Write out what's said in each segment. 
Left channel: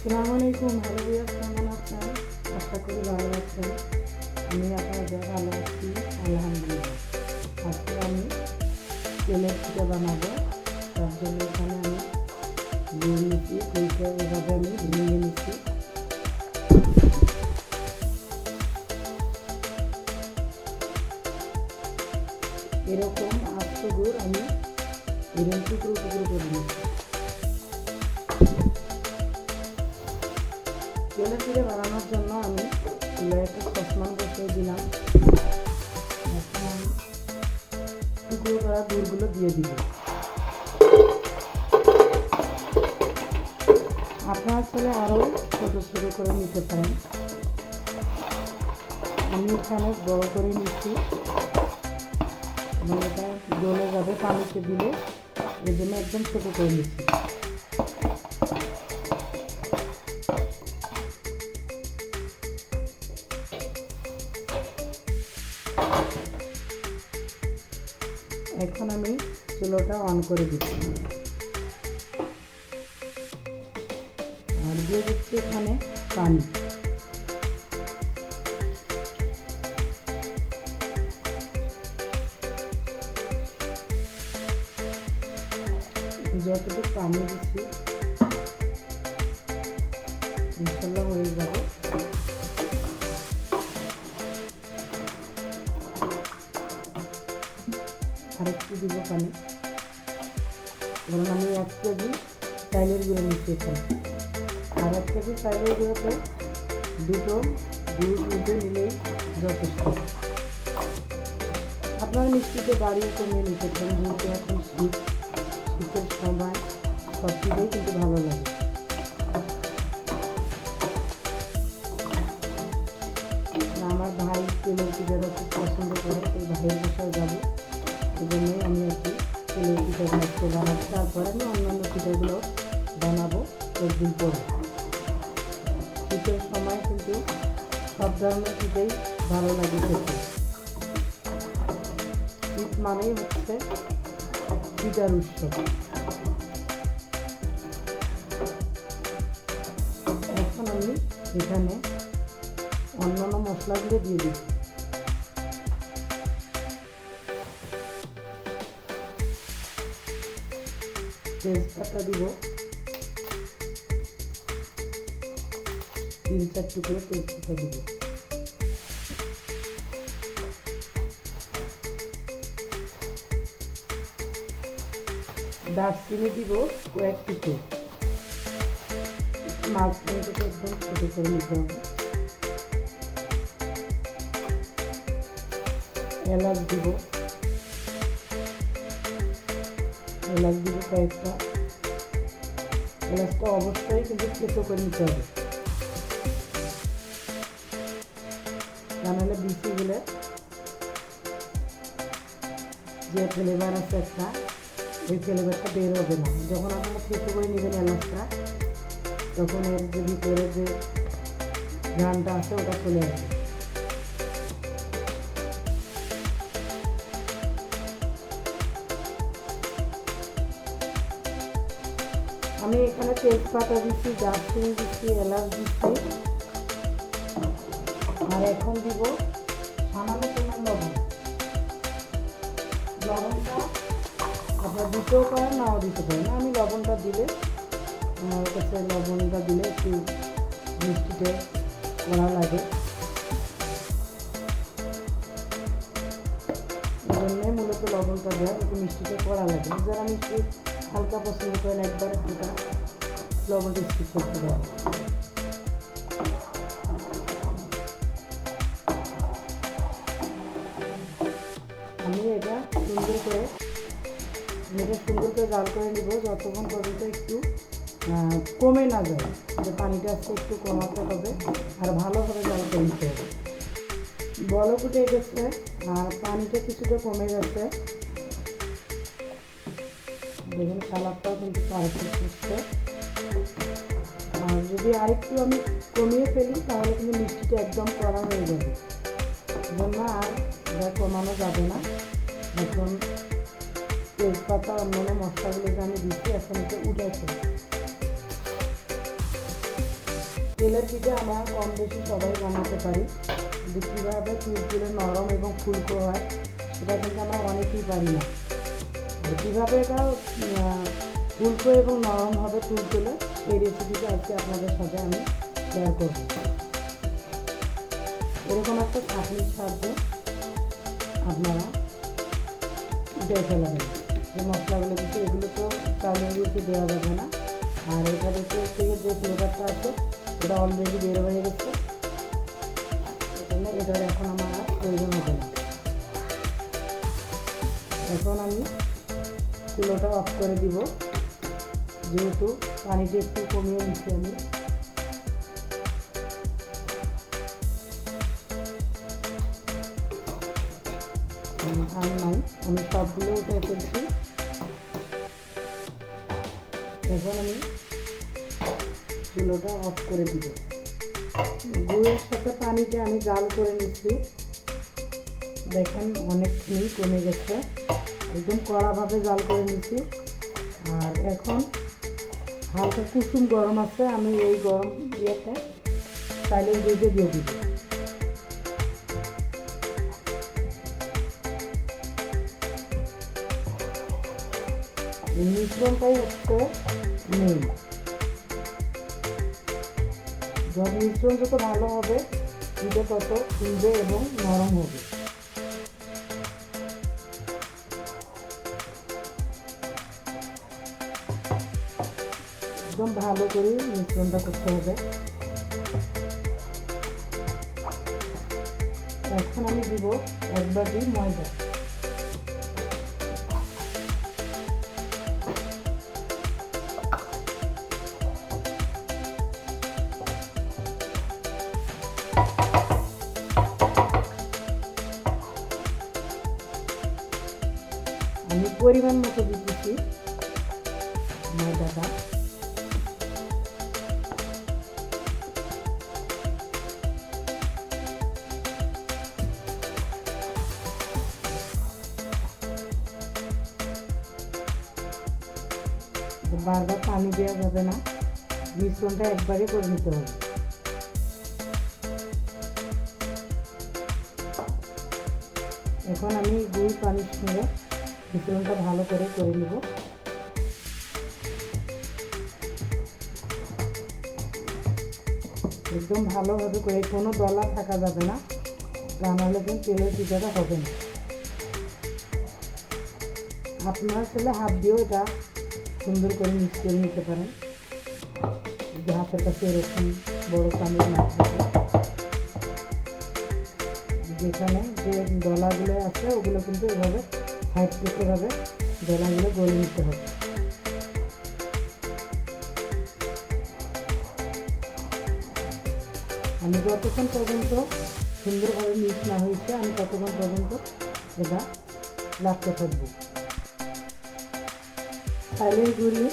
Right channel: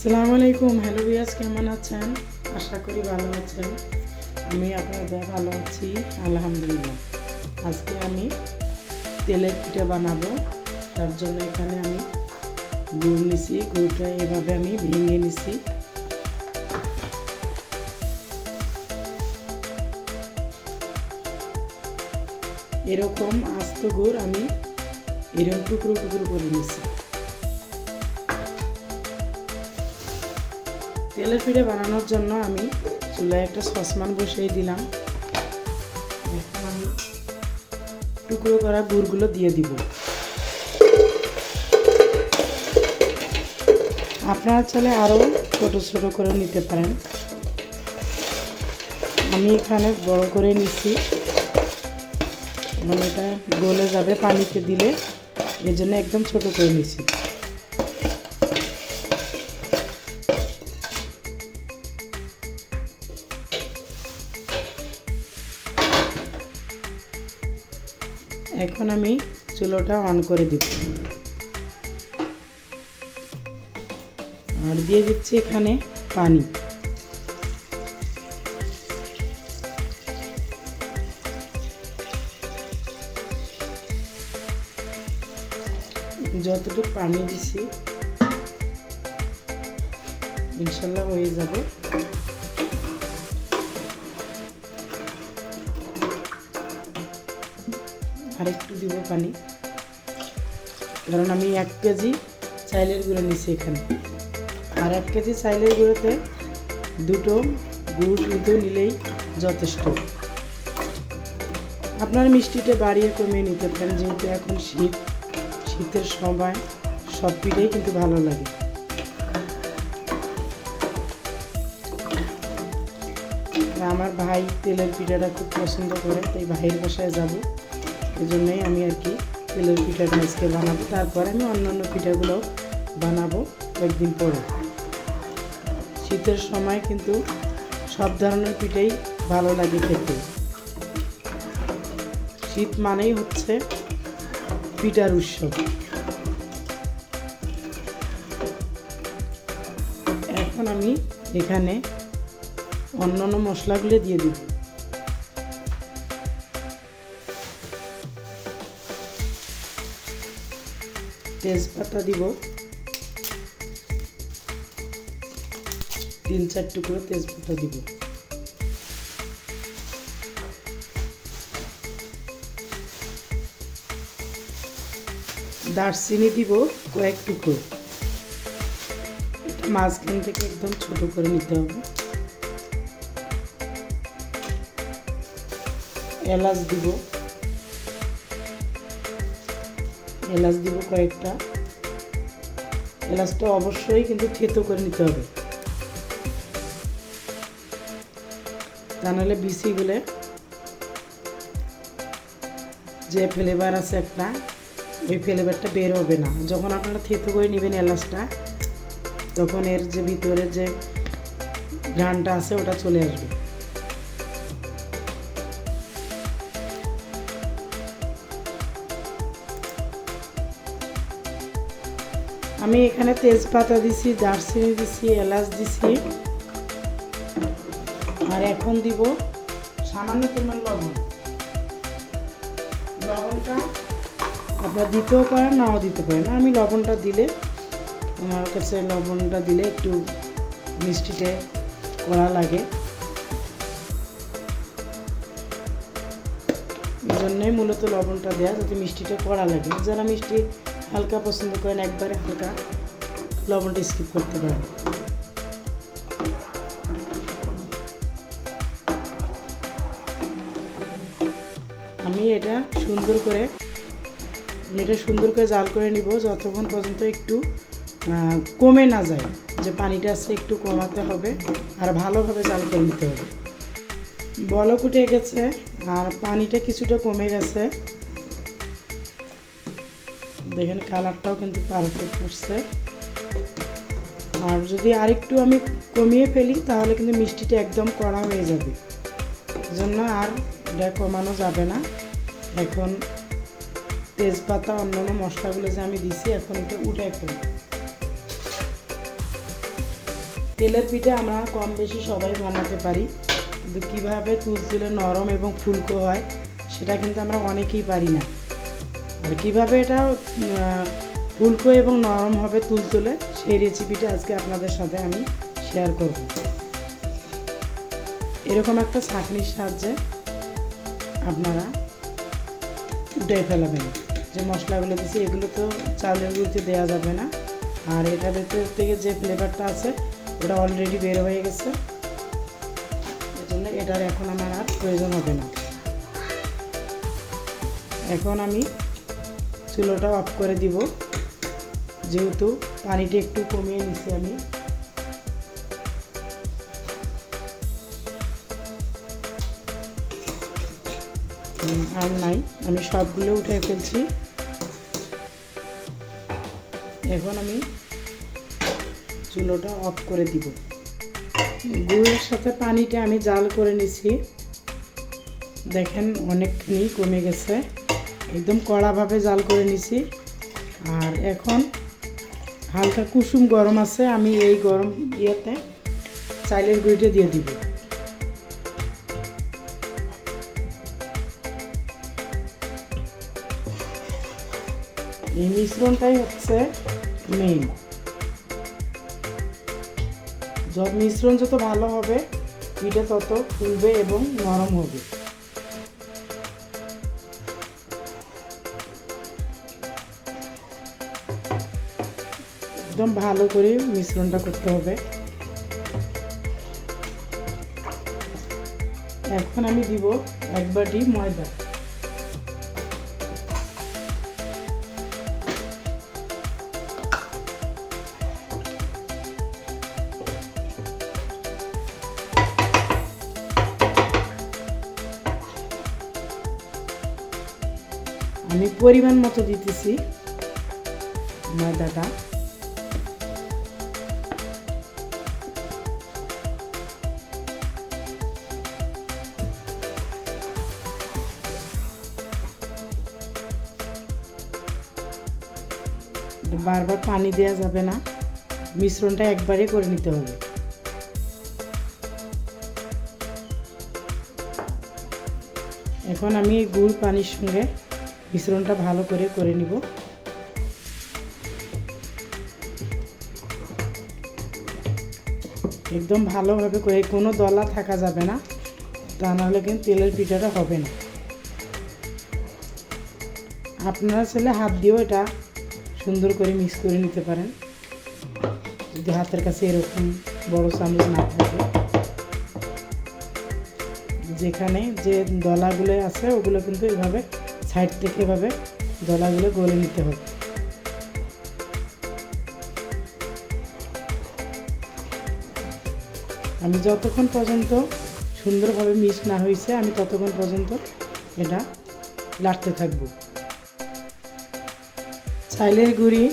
আসসালামু আলাইকুম। Hello viewers, কেমন আছেন? আশা করি ভালো আছেন। আমি আপনাদের ভালো আছি, আলহামদুলিল্লাহ। আজকে আমি তেলের পিঠা বানাবো। তার জন্য এখানে আমি গুড় নিছি। গুড়টা এভাবে আমি ভেঙে নিছি। এরকম আস্ত গুড় আমি এরকম টুকরো টুকরো করে নিছি। তেলের পিঠা বানানোর জন্য আমি চুলায় একটা সসপ্যান বসিয়ে দিলাম। এখন আমি টুকরো করা গুড়গুলো দিয়ে দিব। আপনারা চাইলে আরও ছোটো ছোটো করে নিতে পারেন। আমি এখানে বড় করে নিচ্ছি, মানে এটা গলে যাবে পানিতে দিলে, এই জন্য একদম ছোটো করে নিচ্ছি। এখন আমি চুলোটা অন করে দিচ্ছি আর দিয়ে দিচ্ছি এখানে পানি। যতটুকু পানি দিছি ইনশাল্লাহ হয়ে যাবে। আর একটু দিব পানি, কারণ আমি 1 কেজি চাইলের গুঁড়ো নিচ্ছি এখানে। আর 1 কেজি চাইলের গুঁড়োতে 2টো গুড় কিন্তু নিলেই যথেষ্ট। আপনার মিষ্টিটা বাড়িয়ে কমিয়ে নিতে পারেন, যেহেতু এখন শীতের সময় সব পিঠেই কিন্তু ভালো লাগে। আমার ভাই তেলের পিঠাটা খুব পছন্দ করে, তাই ভাইয়ের বাসায় যাব, এই জন্যই আমি আর কি তেলের পিঠাটা আজকে বানাবো। তারপরে আমি অন্যান্য পিঠাগুলো বানাবো কয়েকদিন পরে। শীতের সময় কিন্তু সব ধরনের পিঠাই ভালো লাগে খেতে। শীত মানেই হচ্ছে পিঠার উৎসব। এখন আমি এখানে অন্যান্য মশলাগুলো দিয়ে দিব। তেজপাতা দিব, 3-4 টুকরো তেজপাতা দিব। দারচিনি দিব কয়েক টুকরো, মাঝখান থেকে একদম ছোট করে নিতে হবে। এলাচ দিব কয়েকটা। এলাচটা অবশ্যই কিন্তু থেতো করে নিতে হবে, তা নাহলে বিচিগুলো যে ফ্লেভার আছে একটা, ওই ফ্লেভারটা বের হবে না। যখন আপনারা থেতো করে নেবেন এলাচটা, তখন এর যে ভিতরে যে ঘ্রাণটা আছে ওটা চলে আসবে। আমি এখানে তেজপাতা দিছি, দারচিনি দিছি, এলাচ দিছি। আর এখন দিব সামান্য পরিমাণ লবণ। লবণটা আপনারা দিতেও পারেন, নাও দিতে পারেন। আমি লবণটা দিলে, আমার কাছে লবণটা দিলে একটু মিষ্টিতে কড়া লাগে, এই জন্যই মূলত লবণটা দেওয়া, যাতে মিষ্টিটা কড়া লাগে। যারা মিষ্টি হালকা পছন্দ করেন, একবারে হালকা লবণটা স্কিপ করতে পারেন। আমি এটা সুন্দর করে জাল করে নিব, যতক্ষণ পর্যন্ত একটু কমে না যায়। যে পানিটা আছে একটু কমাতে হবে, আর ভালোভাবে জাল করে নিতে হবে। বলক উঠে গেছে আর পানিটা কিছুটা কমে গেছে, দেখেন কালারটাও কিন্তু পারফেক্ট হচ্ছে। আর যদি আরেকটু আমি কমিয়ে ফেলি, তাহলে কিন্তু মিষ্টিটা একদম কড়া হয়ে যাবে, জন্য আর এটা কমানো যাবে না। এখন তেজপাতা অন্যান্য মশলাগুলো যে আমি দিছি, এখন এটা উঠাই ফেলি। তেলের পিঠা আমরা কম বেশি সবাই বানাতে পারি, কিন্তু কীভাবে তুলতুলে নরম এবং ফুলকো হয় সেটা কিন্তু আমরা অনেকেই পারি না। কীভাবে এটা ফুলকো এবং নরম হবে তুলতুলে সেই রেসিপিটা আজকে আপনাদের সাথে আমি শেয়ার করব। এরকম একটা ছাঁকনির সাহায্যে আপনারা উঠে ফেলাবেন। যে মশলাগুলো দিচ্ছি এগুলো তো চালের গুঁড়োতে দেওয়া যাবে না, আর এটা ভেতর থেকে যে ফ্লেভারটা আছে ওটা অলরেডি বের হয়ে গেছে, এজন্য এটার এখন আমার আর প্রয়োজন হবে না। এখন আমি চুলোটা অফ করে দিব, যেহেতু পানিটা একটু কমিয়ে নিচ্ছি আমি। আর নাই, আমি সবগুলো উঠে ফেলছি। এখন আমি চুলোটা অফ করে দিব। গুড়ের সাথে পানিটা আমি জাল করে নিছি, দেখেন অনেকখানি কমে গেছে, একদম কড়াভাবে জাল করে নিছি। আর এখন হালকা কুসুম গরম আছে, আমি এই গরম ইয়েতে চালের গুঁড়িটা দিয়ে দিব। এই মিশ্রণটাই হচ্ছে মেইন। মিশ্রণ যত ভালো হবে পিঠা তত ফুলবে এবং নরম হবে। একদম ভালো করে মিশ্রণটা করতে হবে। এখন আমি দিব 1 বাটি ময়দা। আমি পরিমাণ মতো দিতেছি ময়দাটা। বারবার পানি দেওয়া যাবে না, মিশ্রণটা একবারে করে নিতে হবে। এখন আমি গুড় পানির সঙ্গে মিশ্রণটা ভালো করে নিব। একদম ভালোভাবে করে, কোনো দলা থাকা যাবে না, তা নাহলে কিন্তু তেলের পিঠাটা হবে না। আপনারা চাইলে হাত দিয়েও এটা সুন্দর করে মিক্স করে নিতে পারেন, যদি হাতের কাছে এরকম বড় চামচ না থাকে। যেখানে যে দলাগুলো আছে ওগুলো কিন্তু এভাবে সাইড থেকে এভাবে দলাগুলো গলে নিতে হবে। আমি যতক্ষণ পর্যন্ত সুন্দরভাবে মিক্স না হয়েছে আমি ততক্ষণ পর্যন্ত এটা লাড়তে থাকবো। চালের গুঁড়ি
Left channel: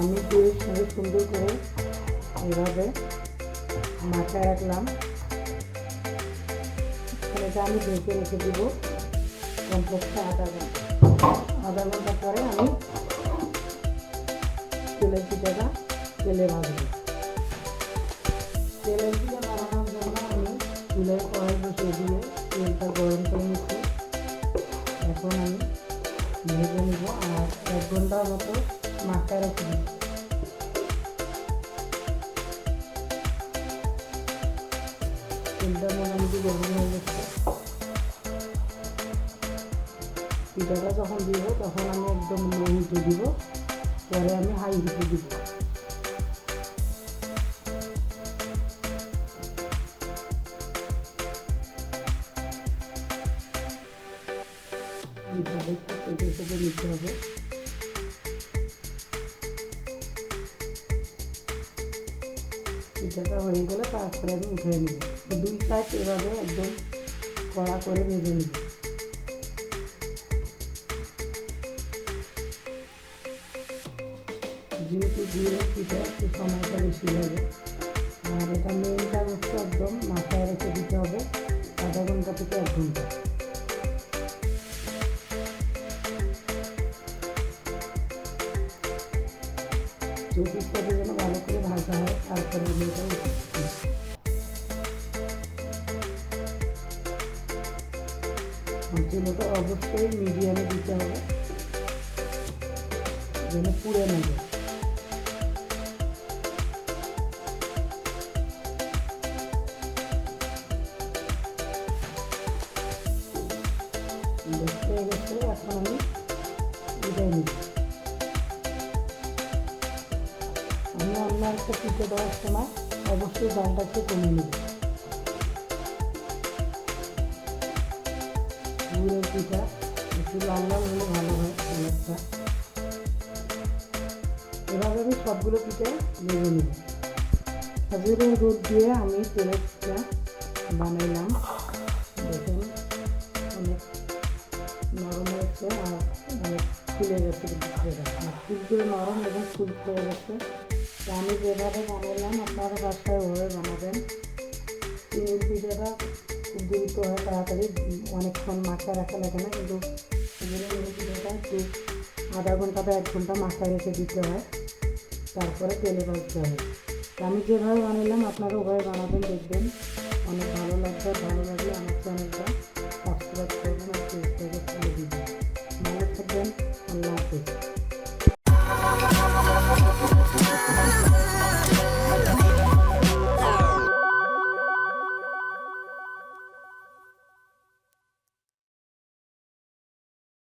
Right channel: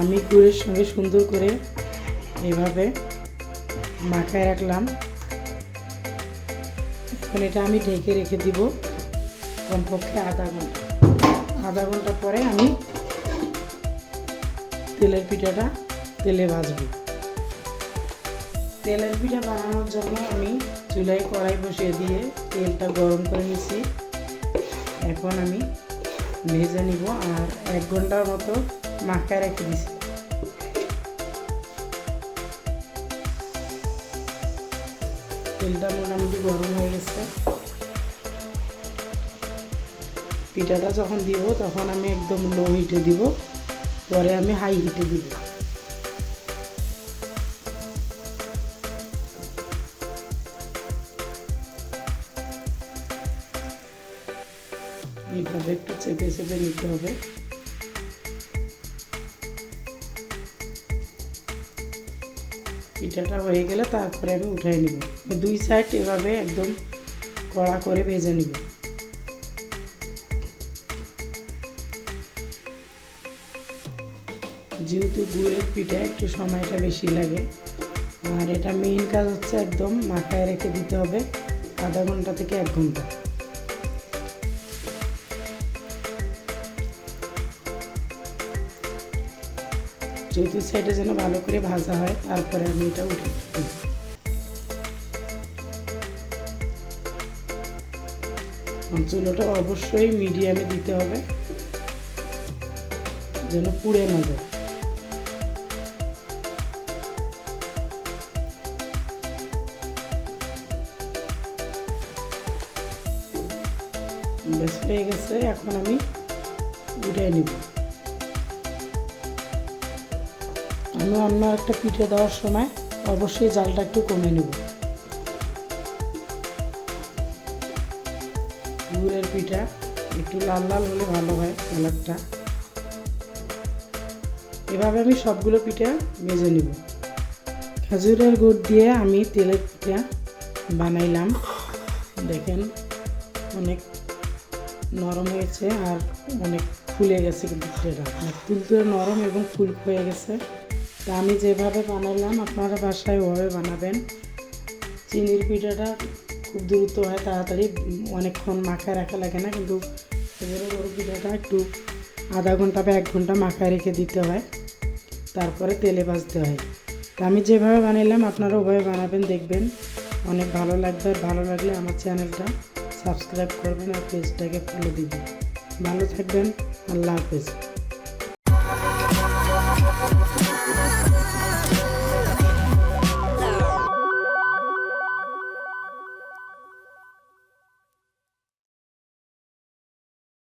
আমি গুড়ের সঙ্গে সুন্দর করে এইভাবে মাখায় রাখলাম। এখন এটা আমি ঢেকে রেখে দিব কমপক্ষে আধা ঘন্টা পরে আমি তেলের পিঠাটা তেলে ভাজবো। তেলের পিঠা বানানোর জন্য আমি চুলায় কড়াই বসিয়ে দিয়ে তেলটা গরম করে নিয়েছি। এখন আমি ভেজে নিব, আর 1 ঘন্টার মতো মাখায় রেখে দিয়েছি। তেলটা মোটামুটি গরম হয়ে গেছে। পিঠাটা যখন দিব তখন আমি একদম লো হিটে দিব, পরে আমি হাই হিটে দিব। এইভাবে একটু চেপে চেপে নিতে হবে। পিঠাটা হয়ে গেলে তারপরে আমি উঠাই নিব। 2 সাইড এভাবে একদম কড়া করে ভেজে নিব। যেহেতু গুড়ের পিঠা একটু সময়টা বেশি লাগে, আর এটা মেইন কাজ হচ্ছে একদম মাথায় রেখে দিতে হবে আধা ঘন্টা থেকে 1 ঘন্টা। দুই সাইডে যেন ভালো করে ভাজা হয়, তারপরে আমি এটা উঠে চুলোটা অবশ্যই মিডিয়ামে দিতে হবে যেন পুড়ে না যায়। বেশ হয়ে গেছে, এখন আমি উঠাই নিব। আমি অন্য একটা পিঠে দেওয়ার সময় অবশ্যই জালটা একটু কমে নেব। গুড়ের পিঠা একটু লাল লাল হলে ভালো হয় কালারটা। এভাবে আমি সবগুলো পিঠা ভেজে নেব। খেজুরের গুড় দিয়ে আমি তেলের পিঠা বানাইলাম, দেখেন অনেক নরম হয়েছে আর অনেক ফুলে গেছে, কিন্তু পিঠাটা তুলতুলে নরম এবং ফুল হয়ে গেছে। তা আমি যেভাবে বানাইলাম আপনারা বাসায় ওভাবে বানাবেন। চিনির পিঠাটা খুব দ্রুত হয়, তাড়াতাড়ি, অনেকক্ষণ মাখায় রাখা লাগে না, কিন্তু গরুর পিঠাটা একটু আধা ঘন্টা বা 1 ঘন্টা মাখায় রেখে দিতে হয়, তারপরে তেলে ভাজতে হয়। তা আমি যেভাবে বানাইলাম আপনারা ওভাবে বানাবেন, দেখবেন অনেক ভালো লাগবে। ভালো লাগলে আমার চ্যানেলটা সাবস্ক্রাইব করবেন আর পেজটাকে ফলো দিবেন। ভালো থাকবেন, আল্লাহ হাফেজ।